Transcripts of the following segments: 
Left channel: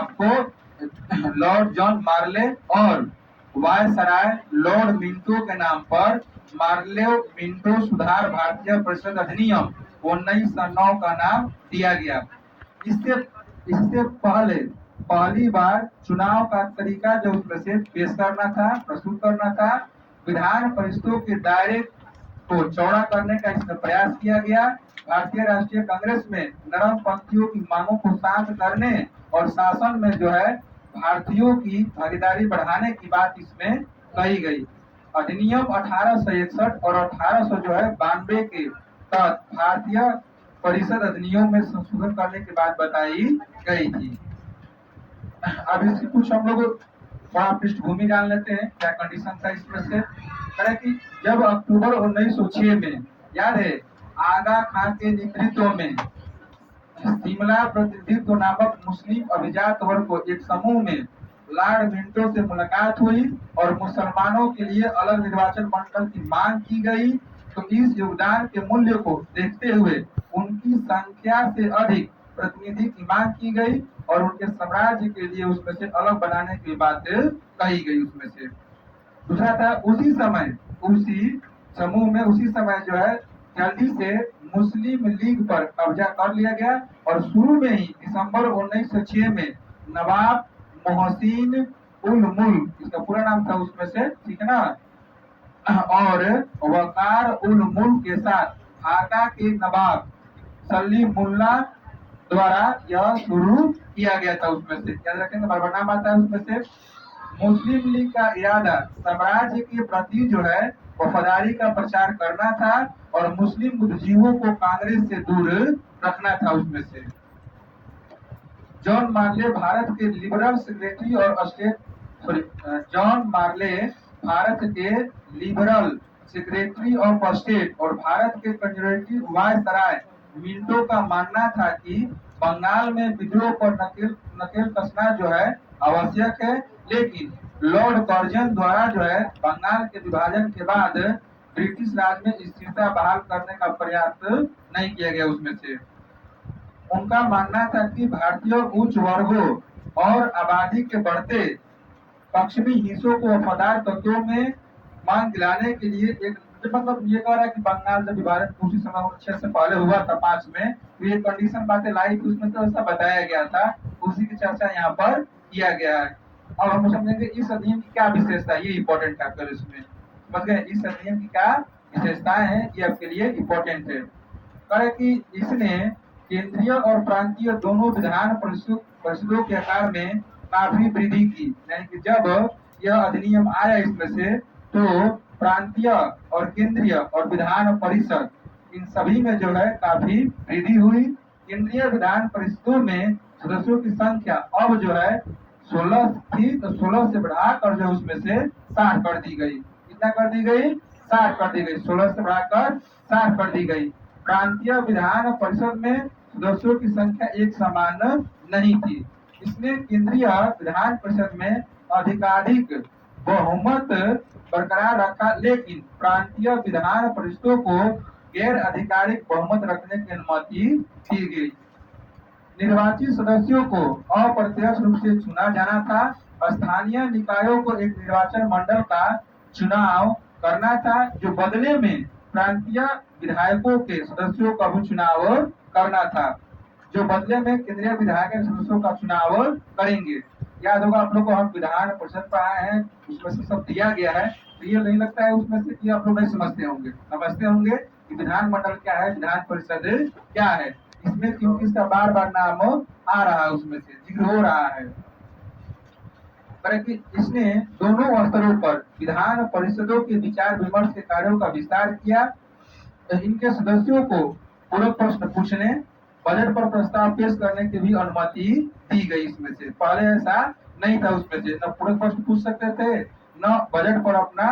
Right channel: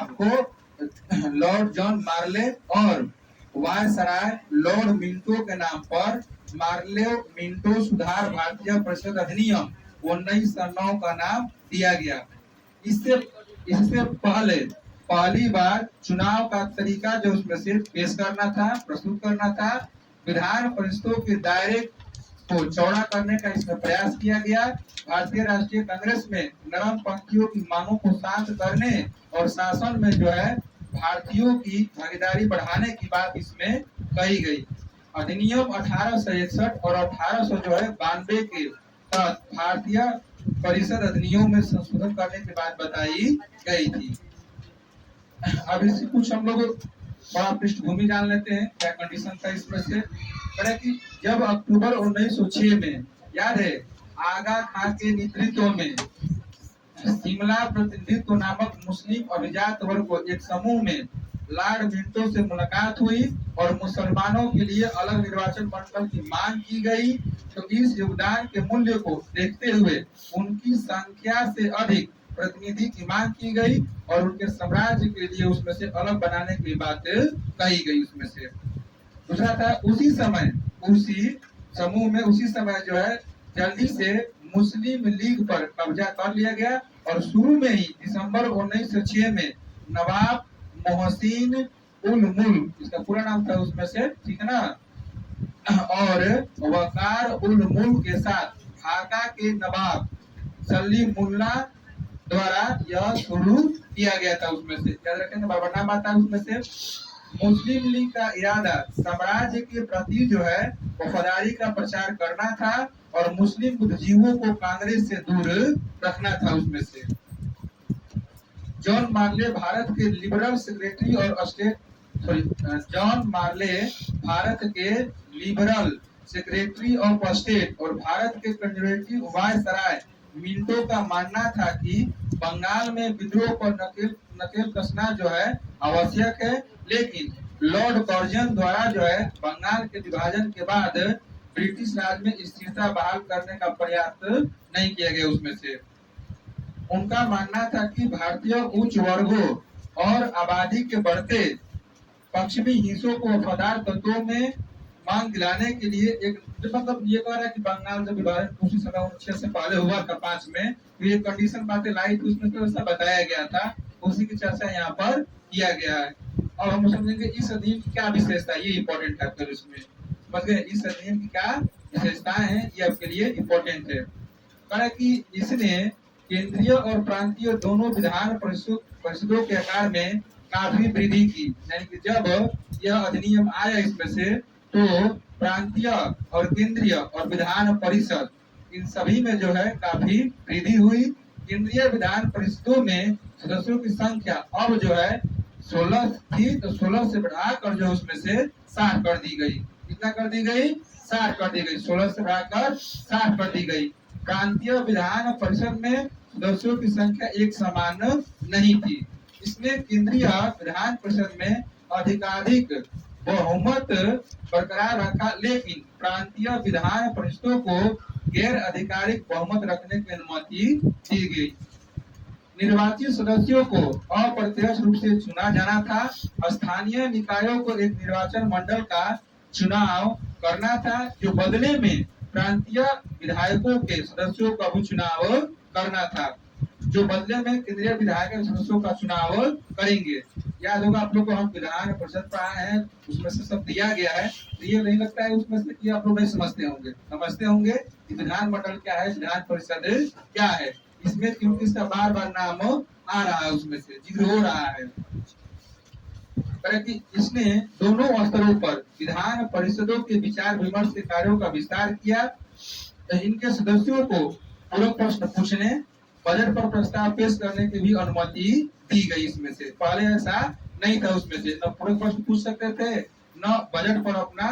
आपको Lord John मार्ले और viceroy Lord Minto के नाम पर मार्ले मिंटो सुधार भारतीय परिषद अधिनियम 1909 का नाम दिया गया। इससे इससे पहले पहली बार चुनाव का तरीका जो उसमें से पेश करना था, प्रस्तुत करना था, विधान परिषदों के दायरे को चौड़ा करने का इसमें प्रयास किया गया। भारतीय राष्ट्रीय कांग्रेस में नरम पंथियों की मांगों को शांत करने और शासन में जो है भारतीयों की भागीदारी बढ़ाने की बात इसमें कही गई। अधिनियम 1861 और 1800 जो है 92 के तहत भारतीय परिषद अधिनियम में संशोधन करने की बात बताई गई थी। अब इसकी कुछ हम लोग बड़ा पृष्ठभूमि जान लेते हैं, क्या कंडीशन था इसमें से। कि जब अक्टूबर 1906 में, याद है, आगा खान के नेतृत्व में शिमला प्रतिनिधित्व नामक मुस्लिम अभिजात वर्ग को एक समूह में लॉर्ड मिंटो से मुलाकात हुई और मुसलमानों के लिए अलग निर्वाचन मंडल की मांग की गई, तो इस योगदान के मूल्य को देखते हुए उनकी संख्या से अधिक प्रतिनिधि की मांग की गई और उनके साम्राज्य के लिए उसमें से अलग बनाने की बात कही गई। उसमें से दूसरा था, उसी समय उसी समूह में उसी समय जो है जल्दी से मुस्लिम लीग पर कब्जा कर लिया गया और शुरू में ही दिसंबर 1906 में नवाब मोहसिन उल मुल्क, इसका पूरा नाम था उसमें से, ठीक है ना, और वकार उल मुल्क के साथ ढाका के नवाब सलीमुल्लाह द्वारा यह शुरू किया गया था। उसमें से याद रखेंगे, बार बार नाम आता है उसमें से। मुस्लिम लीग का इरादा साम्राज्य के प्रति जो है वफादारी का प्रचार करना था और मुस्लिम बुद्धिजीवियों को कांग्रेस से दूर रखना था। उसमें से जॉन मार्ले भारत के लिबरल सेक्रेटरी और जॉन मार्ले भारत के लिबरल सेक्रेटरी ऑफ स्टेट और भारत के कंजर्वेटिव वायसराय मिंटो का मानना था कि बंगाल में विद्रोह पर नकेल कसना जो है आवश्यक है, लेकिन लॉर्ड कर्जन द्वारा जो है बंगाल के विभाजन के बाद ब्रिटिश राज में स्थिरता बहाल करने का प्रयास नहीं किया गया। उसमें से उनका मानना था कि भारतीय उच्च वर्गों और आबादी के बढ़ते पश्चिमी हिस्सों को वफादार तत्वों में मान दिलाने के लिए एक, मतलब ये कह रहा है कि बंगाल जब विभाजन उसी समय 1906 से पहले हुआ था 5 में, तो ये कंडीशन बातें लाई थी, उसमें तो ऐसा बताया गया था, उसी की चर्चा यहाँ पर किया गया है। अब हम समझेंगे इस अधिनियम की क्या विशेषता है, ये इम्पोर्टेंट है इसमें, समझ गए इस अधिनियम की क्या विशेषताएं हैं, ये आपके लिए इम्पोर्टेंट है। कह कि इसने केंद्रीय और प्रांतीय दोनों विधान परिषदों के आकार में काफी वृद्धि की, यानी कि जब यह अधिनियम आया इसमें से तो प्रांतीय और केंद्रीय और विधान परिषद इन सभी में जो है काफी वृद्धि हुई। केंद्रीय विधान परिषदों में सदस्यों की संख्या अब जो है 16 थी, तो 16 से बढ़ाकर जो उसमें से 60 कर दी गई। कितना कर दी गई? 60 कर दी गई। 16 से बढ़ाकर 60 कर दी गई। प्रांतीय विधान परिषद में सदस्यों की संख्या एक समान नहीं थी। इसने केंद्रीय विधान परिषद में अधिकाधिक बहुमत बरकरार रखा, लेकिन प्रांतीय विधान परिषदों को गैर आधिकारिक बहुमत रखने की अनुमति दी गई। निर्वाचित सदस्यों को अप्रत्यक्ष रूप से चुना जाना था। स्थानीय निकायों को एक निर्वाचन मंडल का चुनाव करना था, जो बदले में प्रांतीय विधायकों के सदस्यों का भी चुनाव करना था, जो बदले में केंद्रीय विधायक के सदस्यों का चुनाव करेंगे। याद होगा आप लोग को, हम विधान परिषद पढ़ाए हैं, उसमें से सब दिया गया है, तो ये नहीं लगता है उसमें से कि आप लोग नहीं समझते होंगे। समझते होंगे कि विधान मंडल क्या है, विधान परिषद क्या है, इसमें क्योंकि इसका बार बार नाम आ रहा है, उसमें से जिक्र हो रहा है। कि इसने दोनों स्तरों पर विधान परिषदों के विचार विमर्श के कार्यों का विस्तार किया। इनके सदस्यों को पूरक प्रश्न पूछने, बजट पर प्रस्ताव पेश करने की भी अनुमति दी गई। इसमें से पहले ऐसा नहीं था, उसमें से न पूरक प्रश्न पूछ सकते थे, न बजट पर अपना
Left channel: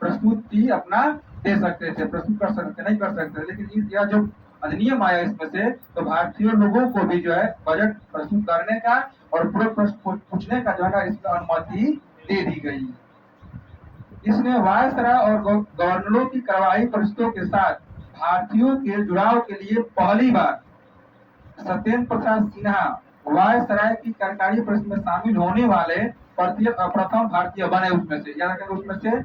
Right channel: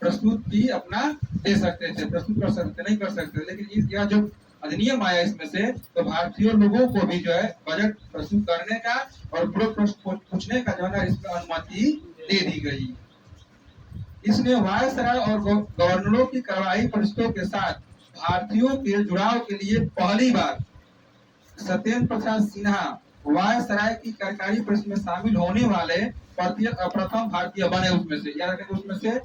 प्रस्तुति अपना दे सकते थे, प्रस्तुत कर सकते नहीं कर सकते। लेकिन यह जो अधिनियम आया इसमें से, तो भारतीय लोगों को भी जो है बजट प्रस्तुत करने का और पूरक प्रश्न पूछने का जो है इसमें अनुमति दे दी गई। इसने वायसराय और गवर्नरों की कार्यवाही परिषदों के साथ भारतीयों के जुड़ाव के लिए पहली बार सत्येंद्र प्रसाद सिन्हा वायसराय की कार्यकारी परिषद में शामिल होने वाले प्रथम भारतीय बने उसमें से, याद रखेंगे उसमें से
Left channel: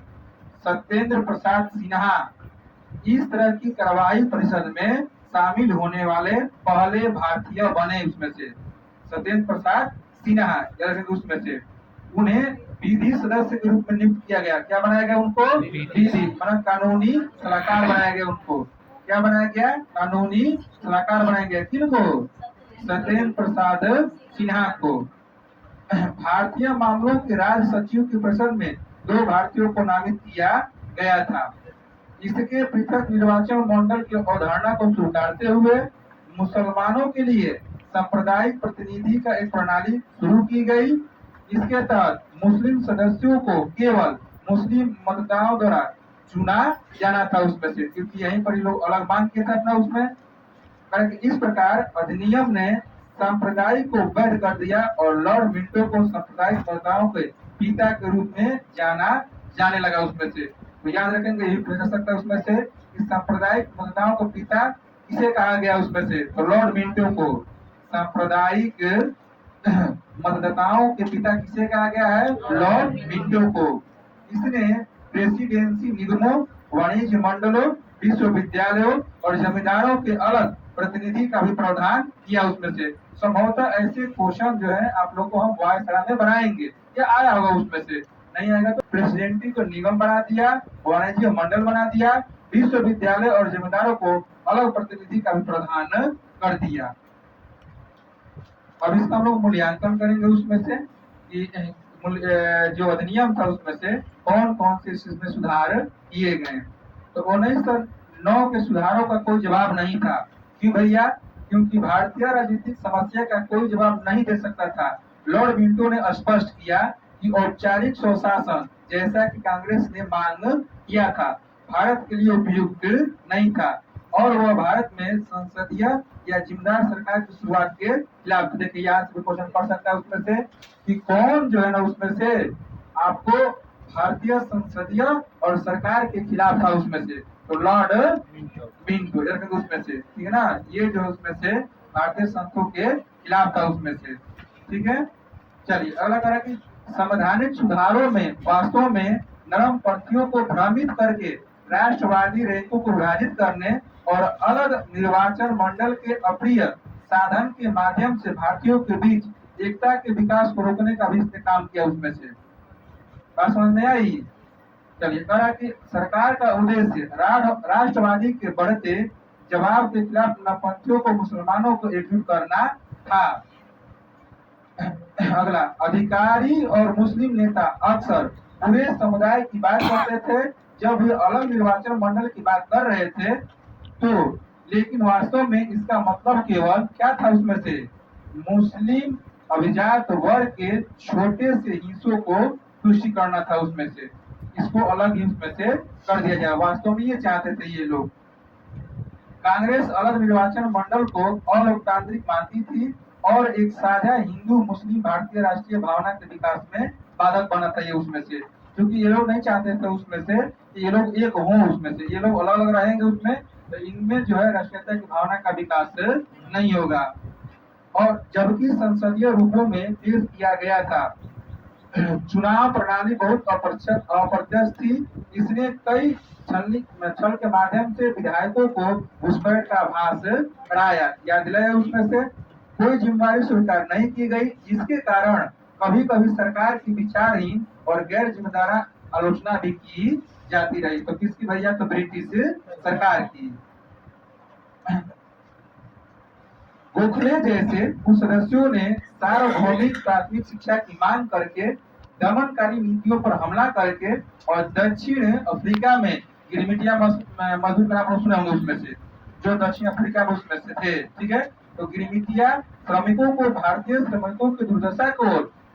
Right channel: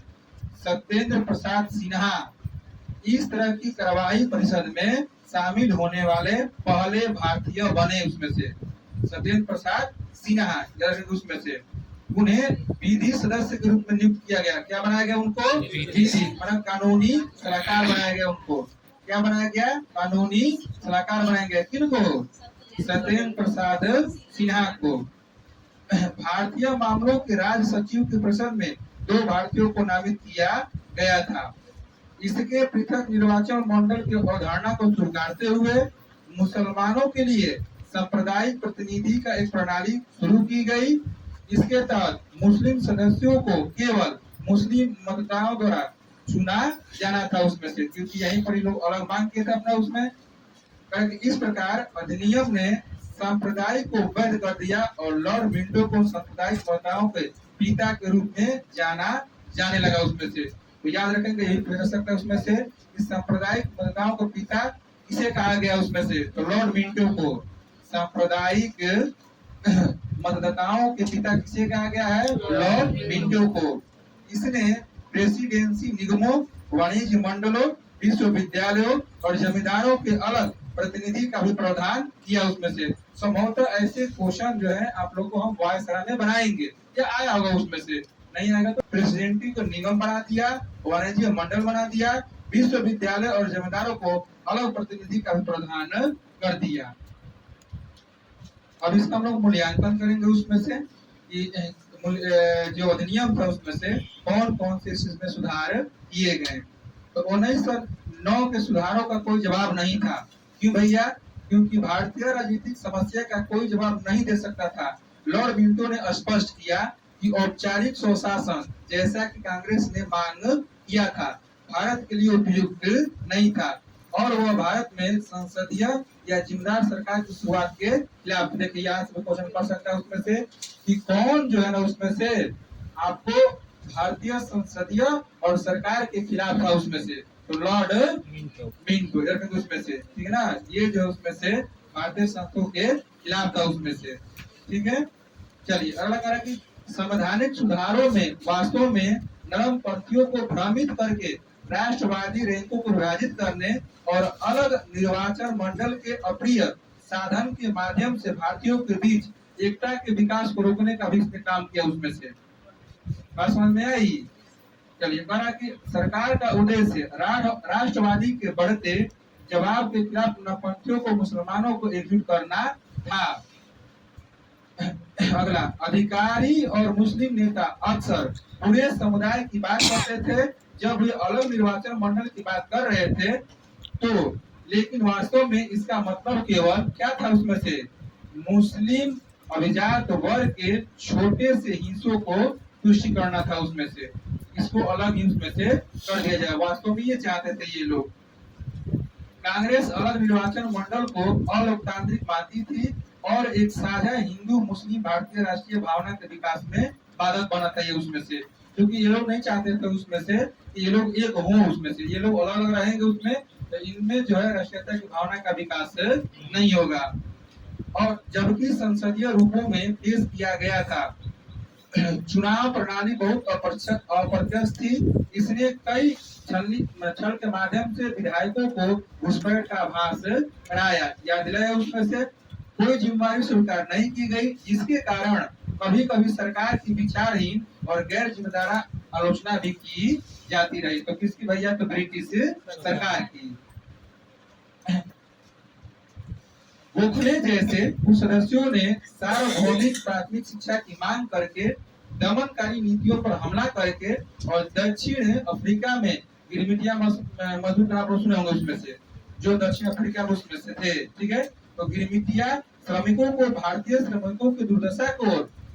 सत्येंद्र प्रसाद सिन्हा इस तरह की कार्यवाही परिषद में शामिल होने वाले पहले भारतीय बने उसमें से सत्येंद्र प्रसाद सिन्हा, याद रखेंगे उसमें से। उन्हें विधि सदस्य के रूप में नियुक्त किया गया। क्या बनाया गया उनको? विधि, मतलब कानूनी सलाहकार बनाया गया उनको। क्या बनाया गया? कानूनी सलाहकार बनाया गया। किनको? सत्येंद्र प्रसाद सिन्हा को। भारतीय मामलों के राज्य सचिव की परिषद में 2 भारतीयों को नामित किया गया था। इसके पृथक निर्वाचन मंडल की अवधारणा को स्वीकारते हुए मुसलमानों के लिए सांप्रदायिक प्रतिनिधि का एक प्रणाली शुरू की गई। इसके तहत मुस्लिम सदस्यों को केवल मुस्लिम मतदाताओं द्वारा चुना जाना था उसमें से, क्योंकि यहीं पर लोग अलग मांग किए थे अपना उसमें। इस प्रकार अधिनियम ने सांप्रदायिक को वैध कर दिया और लॉर्ड मिंटो को सांप्रदायिक मतदाताओं के पिता के रूप में जाना जाने लगा उसमें से। तो याद रखेंगे, यही पूछ सकता है उसमें से कि सांप्रदायिक मतदाताओं का पिता किसे कहा गया उसमें से, तो लॉर्ड मिंटो को सांप्रदायिक मतदाताओं के पिता किसे कहा गया है? लॉर्ड मिंटो को। इसने प्रेसिडेंसी निगमों, वाणिज्य मंडलों, विश्वविद्यालयों और जमींदारों के अलग प्रतिनिधि का भी प्रावधान किया उसमें से। संभवतः ऐसे क्वेश्चन जो है आप लोग को हम वायसराय में बनाएंगे, या आया होगा उसमें से, नहीं आएगा तो प्रेसिडेंटी को निगम बना दिया, वाणिज्य मंडल बना दिया, विश्वविद्यालय और जमींदारों को अलग प्रतिनिधि का भी प्रावधान कर दिया। अब इसका हम लोग मूल्यांकन करेंगे उसमें से कि जो अधिनियम था उसमें से कौन कौन से इसमें सुधार किए गए। तो 1909 के सुधारों का कोई जवाब नहीं था। क्यों भैया? क्योंकि भारतीय राजनीतिक समस्या का कोई जवाब नहीं दे सकता था। लॉर्ड मिंटो ने स्पष्ट किया कि औपचारिक स्वशासन जैसा कि कांग्रेस ने मांग किया था भारत के लिए उपयुक्त नहीं था और वह भारत में संसदीय या जिम्मेदार सरकार की शुरुआत के खिलाफ। देखिए यहाँ से क्वेश्चन पढ़ सकता है उसमें से कि कौन जो है ना उसमें से आपको भारतीय संसदीय और सरकार के खिलाफ था उसमें से, तो लॉर्ड मिंटो उसमें से, ठीक है ना। ये जो उसमें से भारतीय संस्थों के खिलाफ था उसमें से, ठीक है। चलिए अगला कह रहा है कि संवैधानिक सुधारों में वास्तव में नरम पंथियों को भ्रमित करके राष्ट्रवादी रैंकों को विभाजित करने और अलग निर्वाचन मंडल के अप्रिय साधन के माध्यम से भारतीयों के बीच एकता के विकास को रोकने का भी इसने काम किया उसमें से। बात समझ में आई? चलिए कह रहा कि सरकार का उद्देश्य राष्ट्रवादी के बढ़ते जवाब के खिलाफ नरपंथियों को मुसलमानों को एकजुट करना था। अगला, अधिकारी और मुस्लिम नेता अक्सर पूरे समुदाय की बात करते थे जब वे अलग निर्वाचन मंडल की बात कर रहे थे, तो लेकिन वास्तव में इसका मतलब केवल क्या था उसमें से, मुस्लिम अभिजात वर्ग के छोटे से हिस्सों को तुष्टि करना था उसमें से, इसको अलग ही उसमें से कर दिया जाए। वास्तव में ये चाहते थे ये लोग। कांग्रेस अलग निर्वाचन मंडल को अलोकतांत्रिक मानती थी और एक साझा हिंदू मुस्लिम भारतीय राष्ट्रीय भावना के विकास में बाधक बना था ये उसमें से, क्योंकि ये लोग नहीं चाहते थे उसमें से कि ये लोग एक हों उसमें से, ये लोग अलग अलग रहेंगे उसमें, तो इनमें जो है राष्ट्रीयता की भावना का विकास नहीं होगा। और जबकि संसदीय रूपों में पेश किया गया था, चुनाव प्रणाली बहुत अप्रत्यक्ष थी। इसने कई छल के माध्यम से विधायकों को घुसपैठ का आभास कराया, याद दिलाया उसमें से। कोई जिम्मेदारी स्वीकार नहीं की गई, जिसके कारण कभी कभी सरकार की विचारहीन और गैर जिम्मेदार आलोचना भी की जाती रही। तो किसकी भैया? तो ब्रिटिश सरकार की। गोखले जैसे कुछ सदस्यों ने सार्वभौमिक प्राथमिक शिक्षा की मांग करके दमनकारी नीतियों पर हमला करके और दक्षिण अफ्रीका में गिरमिटिया मजदूर का नाम सुने होंगे उसमें से, जो दक्षिण अफ्रीका में उसमें से थे, ठीक है। तो गिरमिटिया श्रमिकों को भारतीय श्रमिकों की दुर्दशा को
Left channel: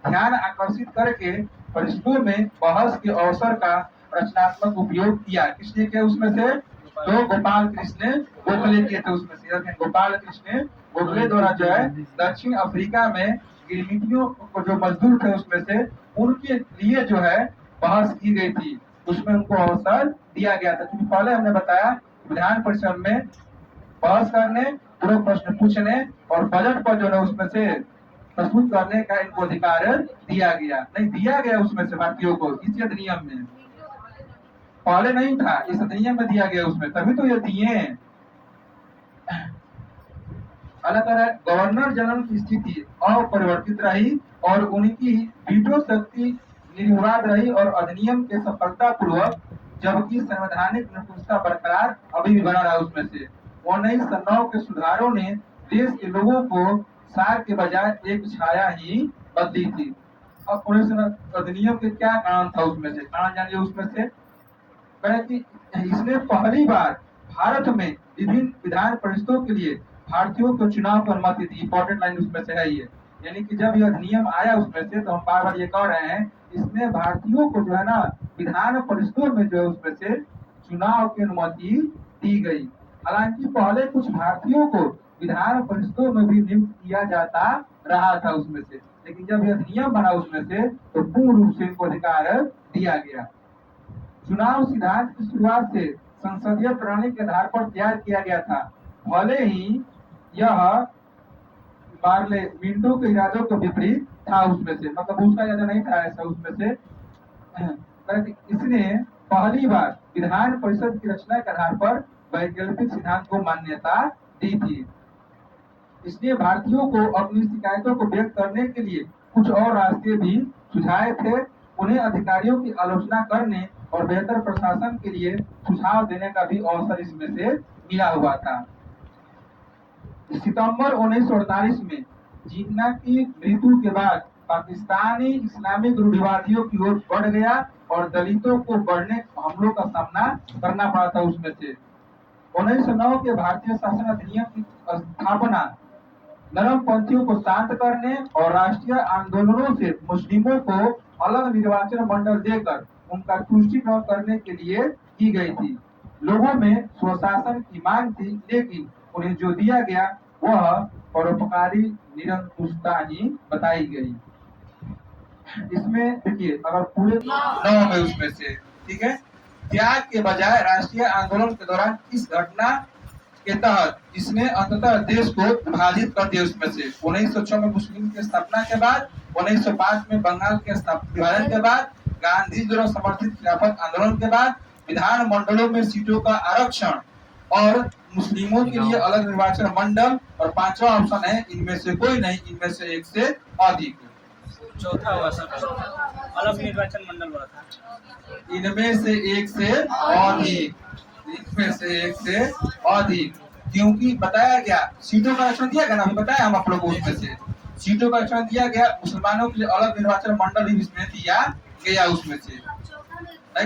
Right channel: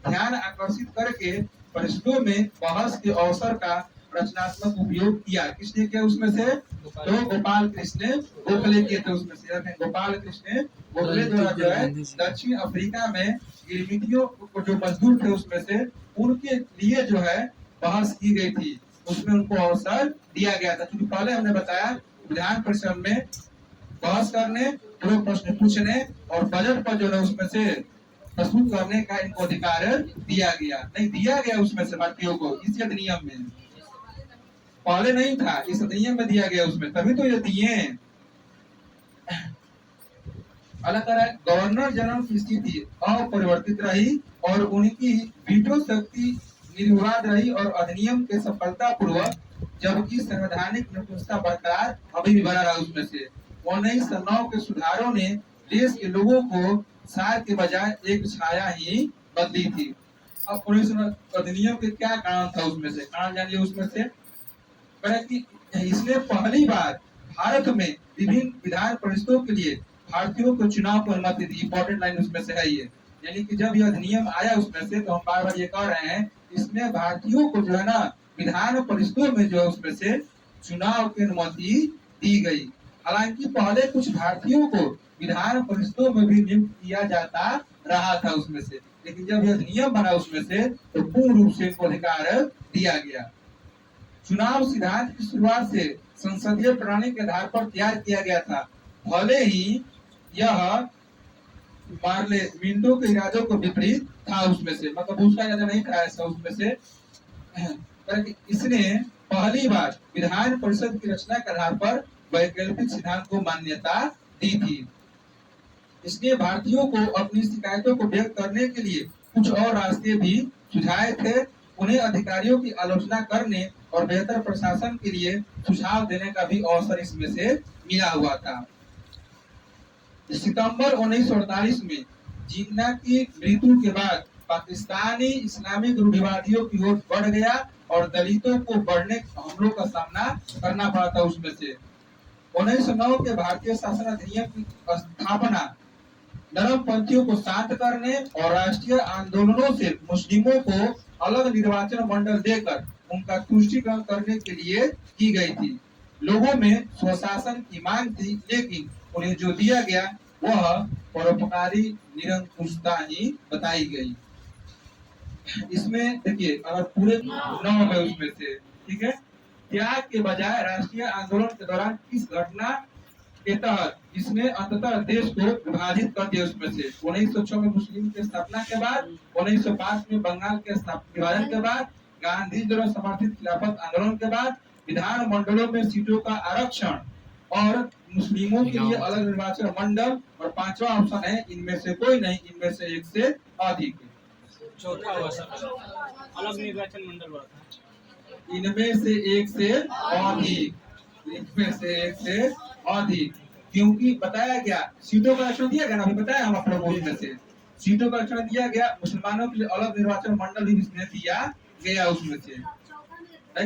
ध्यान आकर्षित करके परिषदों में बहस के अवसर का रचनात्मक उपयोग किया। किसने किया उसमें से? तो गोपाल कृष्ण गोखले किए थे उसमें से। गोपाल कृष्ण गोखले द्वारा जो है दक्षिण अफ्रीका में गिरमिटियों को जो मजदूर थे उसमें से, उनके लिए जो है बहस की गई थी, उसमें उनको अवसर दिया गया था। क्योंकि पहले हमने बताया विधान परिषद में बहस करने, पूरे प्रश्न पूछने और बजट पर जो है उसमें से प्रस्तुत करने का इनको अधिकार दिया गया, नहीं दिया गया उसमें से भारतीयों को इस अधिनियम में, पहले नहीं था, इस अधिनियम में दिया गया उसमें, तभी तो ये दिए। अल्लाह ताला गवर्नर जनरल की स्थिति अपरिवर्तित रही और उनकी वीटो शक्ति निर्विवाद रही और अधिनियम के सफलता पूर्वक, जबकि संवैधानिक निरंकुशता बरकरार अभी भी बना रहा उसमें से। 1909 के सुधारों ने देश के लोगों को सार के बजाय एक छाया ही बदली थी। अब 1909 अधिनियम के क्या कारण था उसमें से, कारण जानिए उसमें से। करें कि इसने पहली बार भारत में विभिन्न विधान परिषदों के लिए भारतीयों को चुनाव की अनुमति दी। इंपॉर्टेंट लाइन उसमें से है ये, यानी कि जब यह अधिनियम आया उसमें से, तो हम बार बार ये कह रहे हैं, इसमें भारतीयों को जो है ना विधान परिषदों में जो उसमें से चुनाव की अनुमति दी गई। हालांकि पहले कुछ भारतीयों को विधान परिषदों में भी नियुक्त किया जाता रहा था उसमें से, लेकिन जब यह अधिनियम बना उसमें से तो पूर्ण रूप से इनको अधिकार दिया गया। चुनाव सिद्धांत की शुरुआत से संसदीय प्रणाली के आधार पर तैयार किया गया था, भले ही यह मार्ले मिंटो के इरादों के विपरीत था उसमें से, मतलब उसका इरादा नहीं था ऐसा उसमें से। इसने पहली बार विधान परिषद की रचना के आधार पर वैकल्पिक सिद्धांत को मान्यता दी थी। इसने भारतीयों को अपनी शिकायतों को व्यक्त करने के लिए कुछ और रास्ते भी सुझाए थे। उन्हें अधिकारियों की आलोचना करने और बेहतर प्रशासन के लिए सुझाव देने का भी अवसर इसमें से मिला हुआ था। सितंबर 1948 में जिन्ना की मृत्यु के बाद पाकिस्तानी इस्लामिक रूढ़िवादियों की ओर बढ़ गया और दलितों को बढ़ने हमलों का सामना करना पड़ा था उसमें से। 1909 के भारतीय शासन अधिनियम की स्थापना नरमपंथियों को शांत करने और राष्ट्रीय आंदोलनों से मुस्लिमों को अलग निर्वाचन मंडल देकर उनका तुष्टीकरण करने के लिए की गई थी। लोगों में स्वशासन की मांग थी, लेकिन उन्हें जो दिया गया वह परोपकारी निरंकुशता ही बताई गई। इसमें देखिए अगर पूरे 9 में उसमें से, ठीक है, त्याग के बजाय राष्ट्रीय आंदोलन के दौरान इस घटना के तहत इसने अंततः देश को विभाजित कर दिया उसमें से। 1906 में मुस्लिम की स्थापना के बाद, 1905 में बंगाल के विभाजन के बाद, गांधी द्वारा समर्थित खिलाफत आंदोलन के बाद, विधान मंडलों में सीटों का आरक्षण और मुस्लिमों के लिए अलग निर्वाचन मंडल, और पांचवा ऑप्शन है इनमें से कोई नहीं, इनमें से एक से अधिक। चौथा हुआ सर, अलग निर्वाचन मंडल बोला था, इनमें से एक से अधिक, इनमें से एक से अधिक, क्योंकि बताया गया सीटों का आरक्षण दिया गया ना, अभी बताया हम आप लोगों को, उसमें से सीटों का आरक्षण दिया गया, मुसलमानों के लिए अलग निर्वाचन मंडल भी इसमें दिया गया उसमें से।